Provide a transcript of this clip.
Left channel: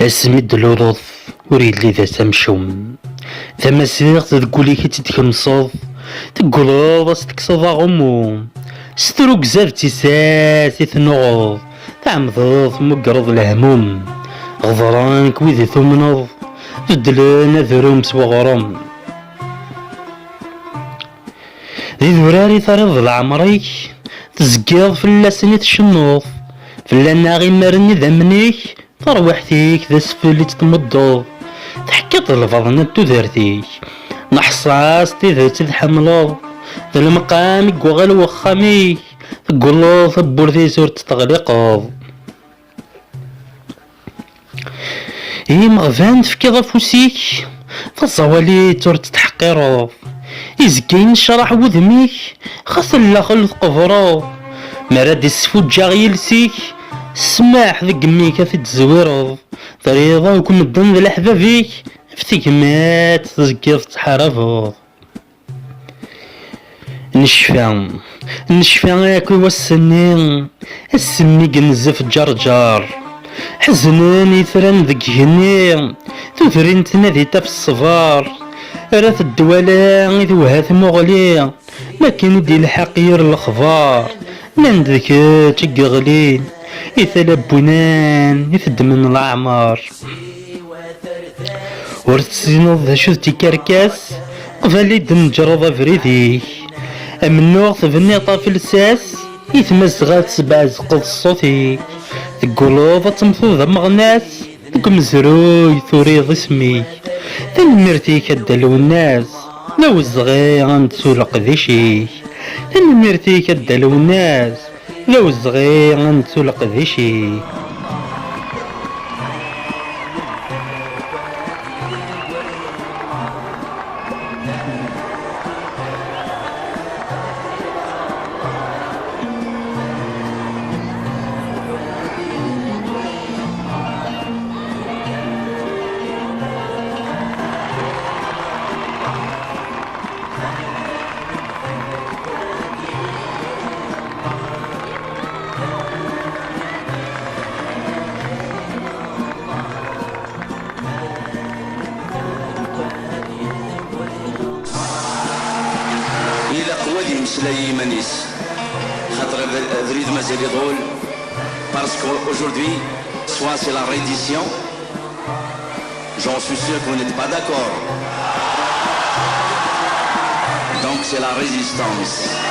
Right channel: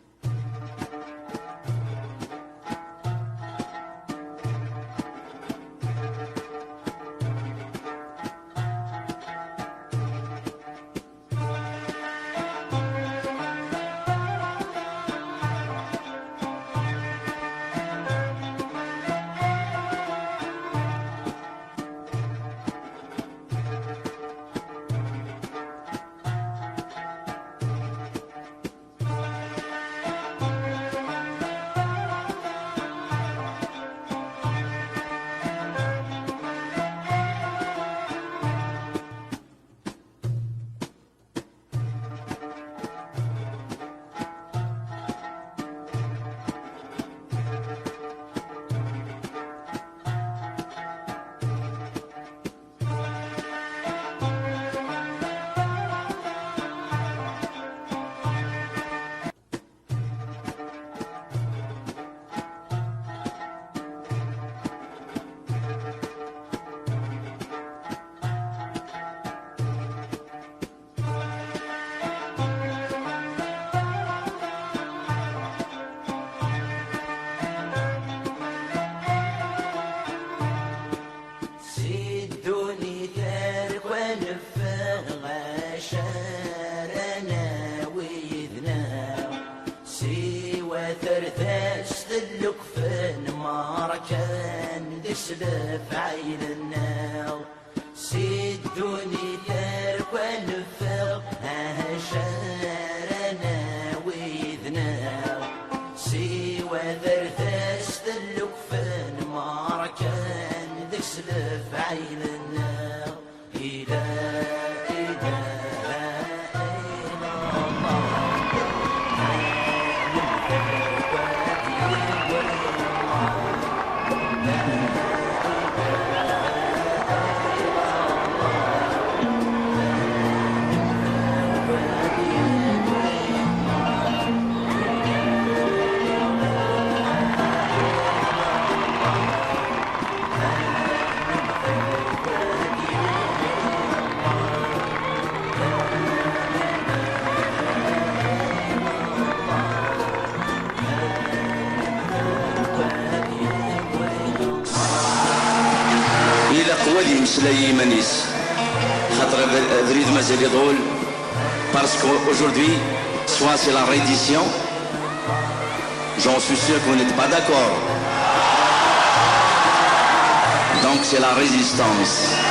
اسمي دلوض وريد لي ذا سمشوم تماسيغ تقولي كي تتكمصض تقولوض تكسض غموم ستروك زاف تيساسي تنوض تعمضض مقرض الهموم غضرانك ويدي ثمنض تدلنا ذروم سوغرم ذي ذراري ثرض العمريك تزقيض فلاسني تشنوض فلانا غي مرني ذمنيك تروحتيك ذا سفلي تتمضض تحكيط الفضنا تودرتيك نحصاص تذا تتحملض ذا المقامك وغل وخاميك تقولو ثبور ذي زور تتغلقض إي مغفان تفكيض أفوسيك فالصوالي تور تتحقيرض إزكين شرح وذميك خاصن لا خلط قفرض مراد السفوجا غيلسيك سماح ذي قميك تتزويرض طريضة وكم الضن ذي الأحبابيك فتيك مات تزكيض تحرفض نشفى ياكل والسنين السمي قنزف جرجار حزناني ثران ذك هني تثرين تنادي تاف الصفار رات الدوالة إذ وهات مغلي ما كان دي الحقير الأخبار نندك تقغلي إثلا بنان إثد من الأعمار ورتسينو ذا شو تكركاس قفالي دنجرض فريديك أمنوغ تفني طافل الساس يتمزغات سبع زقض الصوتي تقولوض تمثوض مغناس تقوم زروي ثوريض اسمي تنمرتي كدلو الناس لو الزغي غنتسولق ذي شي تنمرتي كدلو الناس لو الزغي غنتسولق ذي شي Parce qu'aujourd'hui, soit c'est la réédition, j'en suis sûr que vous n'êtes pas d'accord. Donc c'est la résistance.